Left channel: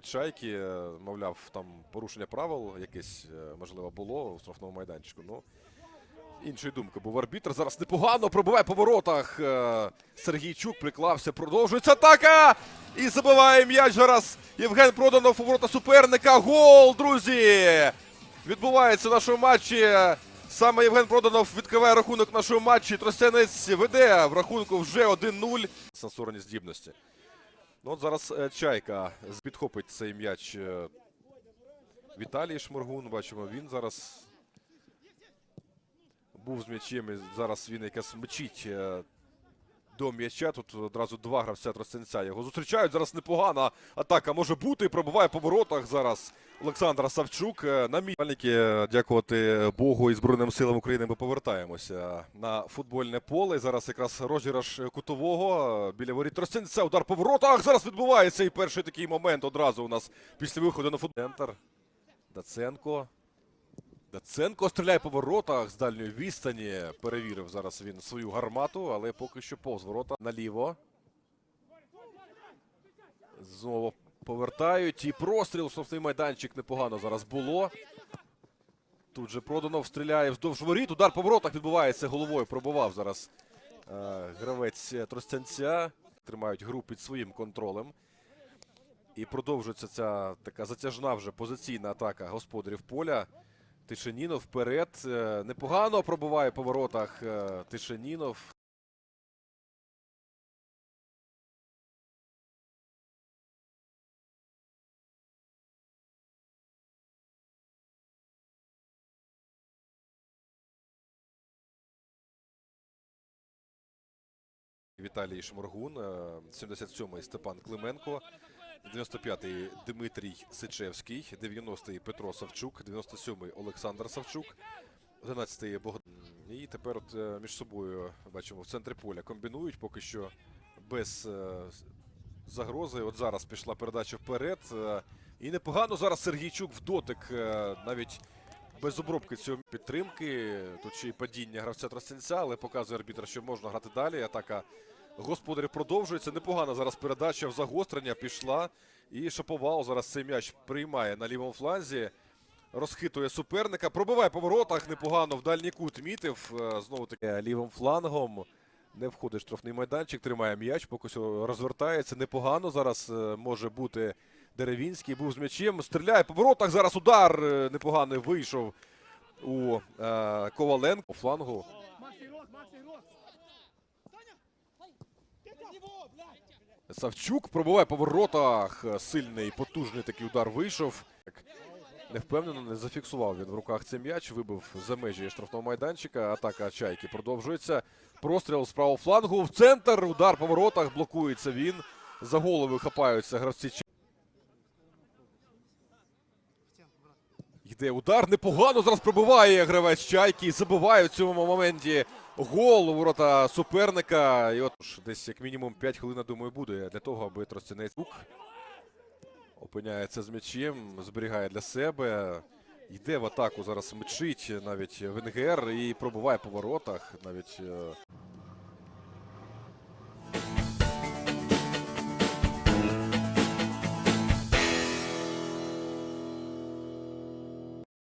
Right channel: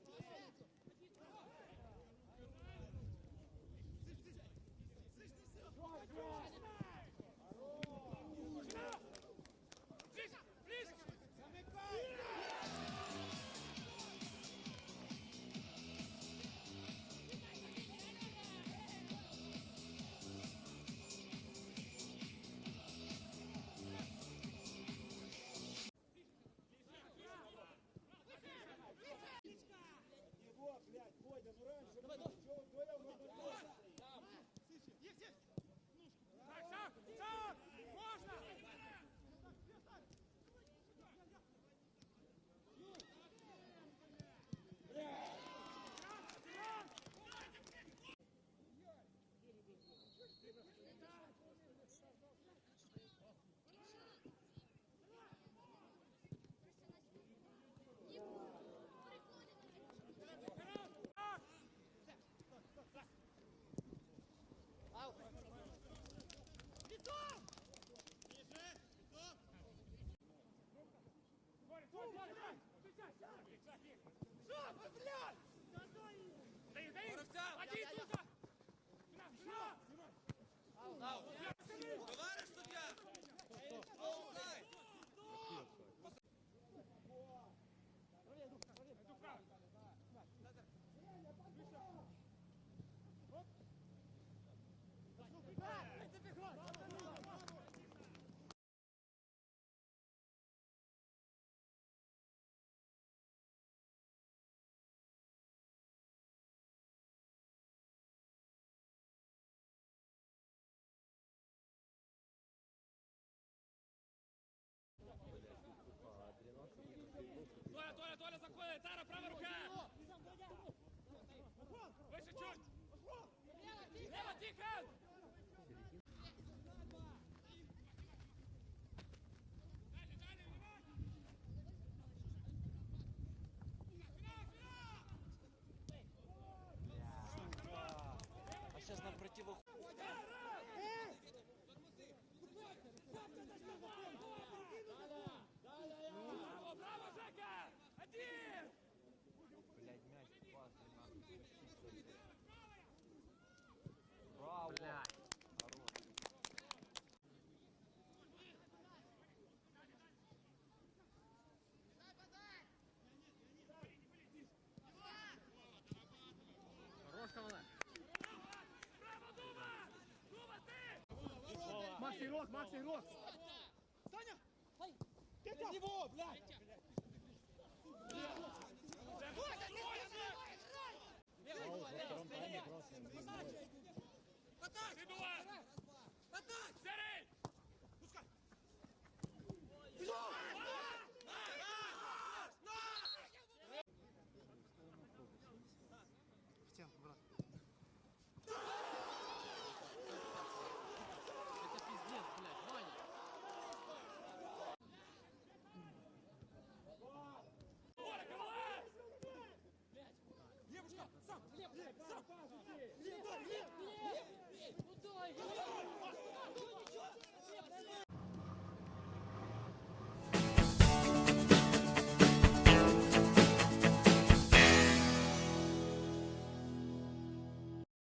чайки. Е, Мовляв, там порушення правил якесь е, можливо було у штрафному майданчику. Ну іншої думки був арбітр. Зараз непогано пробиває по воротах. Е, Сергійчук приклався. Продовжується атака. І забиває м'яч зараз. Євген Проданов у ворота суперника. Гол, друзі! Відбувається в нашому матчі. Саме Євген Проданов відкриває рахунок в нашому матчі. Тростянець веде в рахунку вже 1-0. Сенсорні здібності. Ну, от зараз е, Чайка підхопить цей м'яч. е, Віталій Шморгун. Бачимо, він зараз був з м'ячем. і Зараз він якраз мчить е, до м'яча. Тут одразу два гравця Тростянця його зустрічають. Зараз непогана атака може бути. Пробиває по воротах зараз Олександр Савчук. Е, На мільники, дякувати Богу і Збройним силам України, ми повертаємося на футбольне поле. Зараз якраз розіграш кутового е, біля воріт Тростянця. Удар по воротах. Зараз відбувається і перший такий момент одразу у нас після виходу на футбол. Центр. Даценко. Даценко стріляє по воротах з дальньої відстані. Перевірив зараз він свою гармату, але поки що повз ворота наліво. Знову повертають. І простріл, штрафний майданчик непогано зараз було. Тут же Проданов стріляє вздовж воріт. Удар по воротах відбувається головою. Пробував зараз е, гравець Тростянця. Тримають гру під своїм контролем. І продовжується ця така затяжна вже позиційна атака господарів поля. Тишинінов вперед. Е, Непогано пробиває по воротах е, Віталій Шморгун, е, 77-й Степан Клименко, 95-й Дмитрій Сичевський, 90-й Петро Савчук, 97-й Олександр Савчук, 11-й Богдан. І тепер от е, між собою бачимо в центрі поля комбінують поки що без е, загрози. От зараз пішла передача вперед. е, І непогано зараз Сергійчук в дотик е, навіть без обробки цього підтримки. Тут ще й падіння гравця Тростянця, але показує арбітр, що можна грати далі. Атака господарів продовжується. Непогана зараз передача в загострення пішла. І Шаповал зараз цей м'яч приймає на лівому фланзі. Розхитує суперника, пробиває по воротах непогано в дальній кут мітив. Е, Знову таки лівим флангом. Не входить штрафний майданчик, тримає м'яч, поки що розвертається. Непогано зараз е, може бути Деревінський. Був з м'ячем. Стріляє по воротах. Зараз удар е, непоганий вийшов у е, Коваленко. Флангу. Савчук пробиває по воротах. Сильний, потужний такий удар вийшов. Не впевнено, не зафіксував він в руках цей м'яч, вибив за межі штрафного майданчика. Атака Чайки продовжується. Простріл з правого флангу в центр. Удар по воротах. Блокується він. За голови хапаються гравці. Йде удар непогано. Зараз пробиває гравець Чайки. і Забиває в цьому моменті гол у ворота суперника. І от десь як мінімум 5 хвилин, думаю, буде для того, аби Тростянець опиняється з м'ячем, зберігає для себе. Йде в атаку зараз мчить навіть Венгер і пробуває по воротах. Навіть е,